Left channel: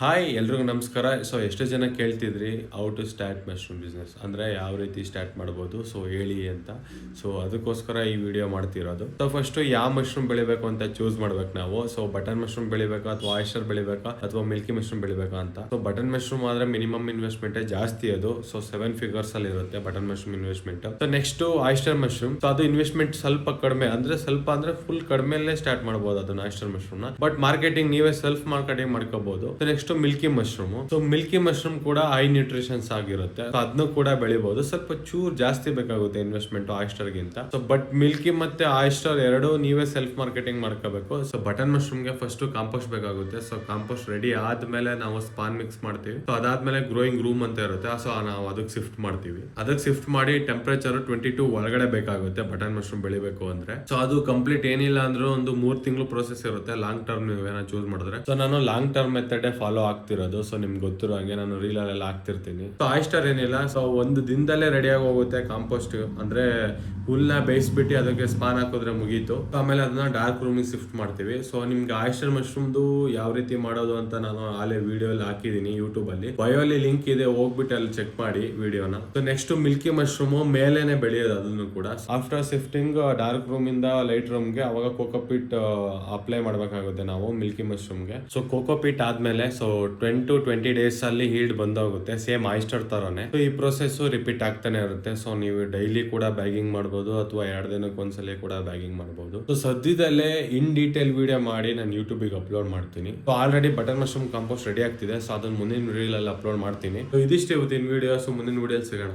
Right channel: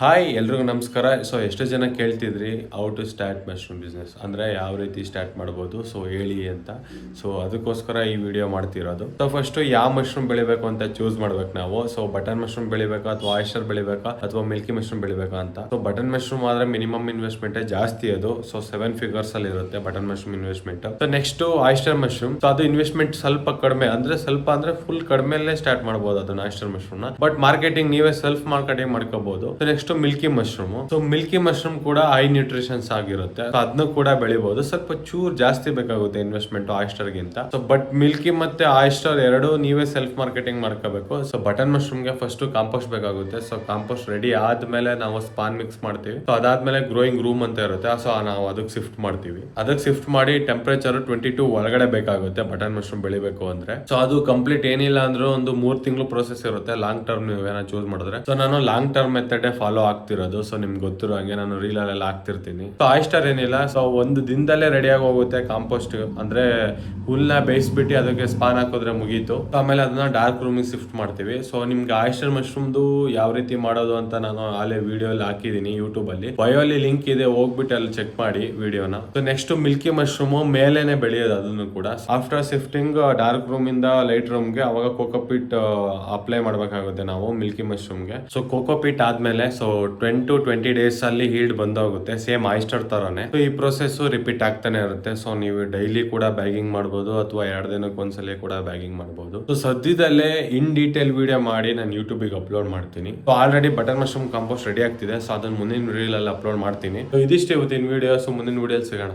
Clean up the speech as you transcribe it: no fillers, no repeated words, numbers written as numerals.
Hi ಎಲ್ರಿಗೂ ನಮಸ್ಕಾರ. So ಎಷ್ಟು ಜನ ಕೇಳ್ತಿದ್ರಿ how to start mushroom business ಅಂದರೆ ಯಾವ ರೀತಿ ಸ್ಟಾರ್ಟ್ ಮಾಡ್ಬೋದು, ಸೊ ಹೇಳಿ ಅಂತ. ಸೊ ಅದಕ್ಕೋಸ್ಕರ ಈ ವಿಡಿಯೋ ಮಾಡ್ತಿರೋದು. ಸೊ ಫಸ್ಟು ಯಾವ ಮಶ್ರೂಮ್ ಬೆಳಿಬೇಕು ಅಂತ ಚೂಸ್ ಮಾಡ್ಬೇಕು ನಾವು. ಸೊ ಬಟನ್ ಮಶ್ರೂಮ್ ಬೆಳಿಬೇಕಾ ಅಥವಾ ಆಯಿಸ್ಟರ್ ಬೆಳಿಬೇಕಾ ಅಥವಾ ಮಿಲ್ಕಿ ಮಶ್ರೂಮ್ ಬೆಳಿಬೇಕಾ ಅಂತ. ಸೊ ಬಟನ್ ಮಶ್ರೂಮ್ ಆದ್ರೆ ಮಿನಿಮಮ್ ಇನ್ವೆಸ್ಟ್ಮೆಂಟ್ ಜಾಸ್ತಿ, ಅದು ಸೊ 7 figures ಅಲ್ಲಿ ಇರುತ್ತೆ button mushroom investment. So next oyster mushroom, so ಅದು ಇನ್ವೆಸ್ಟ್ಮೆಂಟ್ ಸ್ವಲ್ಪ ಕಡಿಮೆ, ಅಂದ್ರೆ ಫುಲ್ ಕಡಿಮೆಲ್ಲೇ ಸ್ಟಾರ್ಟ್ ಮಾಡಬಹುದು ಅದನ್ನ ಆಯಿಸ್ಟರ್ ಮಶ್ರೂಮ್ ನ. ಬಟ್ ಮಾರ್ಕೆಟಿಂಗ್ ನೀವೇ ಸೆಲ್ಫ್ ಮಾರ್ಕೆಟಿಂಗ್ ಮಾಡ್ಕೋಬಹುದು. Next Milky mushroom. So Milky mushroom ಕೂಡ ಹೈ ನ್ಯೂಟ್ರಿಷನ್ಸ್ ಆಗಿರುತ್ತೆ, ಅದನ್ನು ಕೂಡ ಬೆಳಿಬಹುದು. ಸ್ವಲ್ಪ ಚೂರ್ ಜಾಸ್ತಿ ಬೇಕಾಗುತ್ತೆ ಇನ್ವೆಸ್ಟ್ಮೆಂಟ್ ಆಯಿಸ್ಟರ್ ಗಿಂತ. ಸೊ ಬಟ್ ಮಿಲ್ಕಿ ಮತ್ತೆ ಆಯಿಸ್ಟರ್ ಎರಡು ನೀವೇ ಸೆಲ್ಫ್ ಮಾರ್ಕೆಟಿಂಗ್ ಮಾಡ್ಕೋಬೇಕು. ಸೊ ಬಟನ್ ಮಶ್ರೂಮ್ ಗೆ ಫಸ್ಟ್ ಕಾಂಪೋಸ್ಟ್ ಬೇಕಾಗುತ್ತೆ. ಸೊ ಕಾಂಪೋಸ್ಟ್ ರೆಡಿ ಆದ್ಮೇಲೆ ನಾವು ಸ್ಪಾನ್ ಮಿಕ್ಸ್ ಮಾಡ್ತೀವಿ. ಸೊ ಅದಾದ್ಮೇಲೆ ಗ್ರೋಯಿಂಗ್ ರೂಮ್ ಅಂತ ಇರುತ್ತೆ, ಸೊ ನಾವು ಅದಕ್ಕೆ ಶಿಫ್ಟ್ ಮಾಡ್ತೀವಿ. ಅದಕ್ಕೆ ಶಿಫ್ಟ್ ಮಾಡಿ ಟೆಂಪರೇಚರ್ 22 ಒಳಗಡೆ ಬೇಕಾಗುತ್ತೆ ಬಟನ್ ಮಶ್ರೂಮ್ ಬೆಳಿಬೇಕು ಅಂದ್ರೆ. ಸೊ ಅದು ಕಂಪ್ಲೀಟ್ ಏನಿಲ್ಲ ಅಂದ್ರೆ ಒಂದು 3 ತಿಂಗಳು ಪ್ರೋಸೆಸ್ ಇರುತ್ತೆ ಲಾಂಗ್ ಟರ್ಮ್ ನೀವು ಏನೋ ಚೂಸ್ ಮಾಡಿದ್ರೆ. ಸೊ ನಾನು ಲಾಂಗ್ ಟರ್ಮ್ ಮೆಥಡ್ ಫಾಲೋ ಆಗ್ತಿರೋದು. ಸೊ ನಿಮ್ಗೆ ಗೊತ್ತಿರೋ ಹಂಗೆ ನಾನು ರೀಲ್ ಅಲ್ಲೆಲ್ಲ ಆಗ್ತಿರ್ತೀನಿ. ಸೊ ಆಯಿಸ್ಟರ್ ಏನಿಲ್ಲ, ಸೊ ಒಂದು ದಿನದಲ್ಲೇ ರೆಡಿ ಆಗಿ ಹೋಗುತ್ತೆ ಕಾಂಪೋಸ್ಟ್. ಅಂದ್ರೆ ಹುಲ್ನ ಬೇಯಿಸ್ಬಿಟ್ಟು ಅದಕ್ಕೆ ಸ್ಪಾನ್ ಹಾಕಿದ್ರೆ ಮುಗೀತು. ಆಮೇಲೆ ಅದನ್ನ ಡಾರ್ಕ್ ರೂಮ್ ಶಿಫ್ಟ್ ಮಾಡ್ತೀವಿ. ಸೊ ನಿಮ್ಗೆ ಆಯಿಸ್ಟರ್ ಮಶ್ರೂಮ್ದು ಯಾವ ರೀತಿ ಮಾಡೋದು ಅಂತ ನಾನು ಆಲೇ ವಿಡಿಯೋ ಅಲ್ಲಿ ಹಾಕಿದೀನಿ ಯೂಟ್ಯೂಬ್ ಅಲ್ಲಿ. ಬಯೋ ಅಲ್ಲಿ ಲಿಂಕ್ ಇದೆ, ಹೋಗ್ಬಿಟ್ಟು ಅಲ್ಲಿ ಚೆಕ್ ಮಾಡಿ ವಿಡಿಯೋನ. ಸೊ ನೆಕ್ಸ್ಟ್ ಮಿಲ್ಕಿ ಮಶ್ರೂಮ್ ಮೇಲೆನೆ ಬೆಳೆಯೋದು ಅದನ್ನು ಕೂಡ. ಆಫ್ಟರ್ ಶಿಫ್ಟಿಂಗ್ ಡಾರ್ಕ್ ರೂಮ್ ಇಂದ ಲೈಟ್ ರೂಮ್ ಗೆ ಅವಾಗ ಕೋಕೋಪೀಟ್ ಅಪ್ಲೈ ಮಾಡ್ಬೇಕಾಗುತ್ತೆ ನಾವು ಮಿಲ್ಕಿ ಮಶ್ರೂಮ್ ಗೆ. ಸೊ ಕೋಕೋಪೀಟ್ ಆದ್ಮೇಲೆ ಸೊ 10 to 20 days ಅಲ್ಲಿ ಹೀಲ್ಡ್ ಬಂದೋಗುತ್ತೆ, ಸೇಮ್ ಆಯಿಸ್ಟರ್ ತರನೇ. ಸೊ ಈ ಪ್ರೊಸೆಸ್ ರಿಪೀಟ್ ಆಗ್ತಾನೆ ಇರುತ್ತೆ. ಸೊ ನೀವು ಡೈಲಿ ಕೂಡ ಬ್ಯಾಗಿಂಗ್ ಮಾಡಬಹುದು ಅಥವಾ 2 ದಿನಕ್ಕೆ ಒಂದ್ಸಲ ಕೂಡ ಬ್ಯಾಗಿಂಗ್ ಮಾಡಬಹುದು. ಸೊ ಸದ್ಯದಲ್ಲೇ ಇನ್ ಡೀಟೇಲ್ ವಿಡಿಯೋ ಮಾಡಿ ನಾನು ಯೂಟ್ಯೂಬ್ ಗೆ ಅಪ್ಲೋಡ್ ಮಾಡ್ತೀನಿ. So already button mushroom compost ready ಆಗ್ತಿದೆ. ಸೊ ಅದನ್ನ ಮುಂದಿನ ವಿಡಿಯೋ ಅಲ್ಲಿ ಅಪ್ಲೋಡ್ ಮಾಡ್ತೀನಿ. ಸೊ ಇದಿಷ್ಟೇ ಇವತ್ತಿನ ವಿಡಿಯೋ. ಸೊ ಮುಂದಿನ ವಿಡಿಯೋ ಸಿಗೋಣ.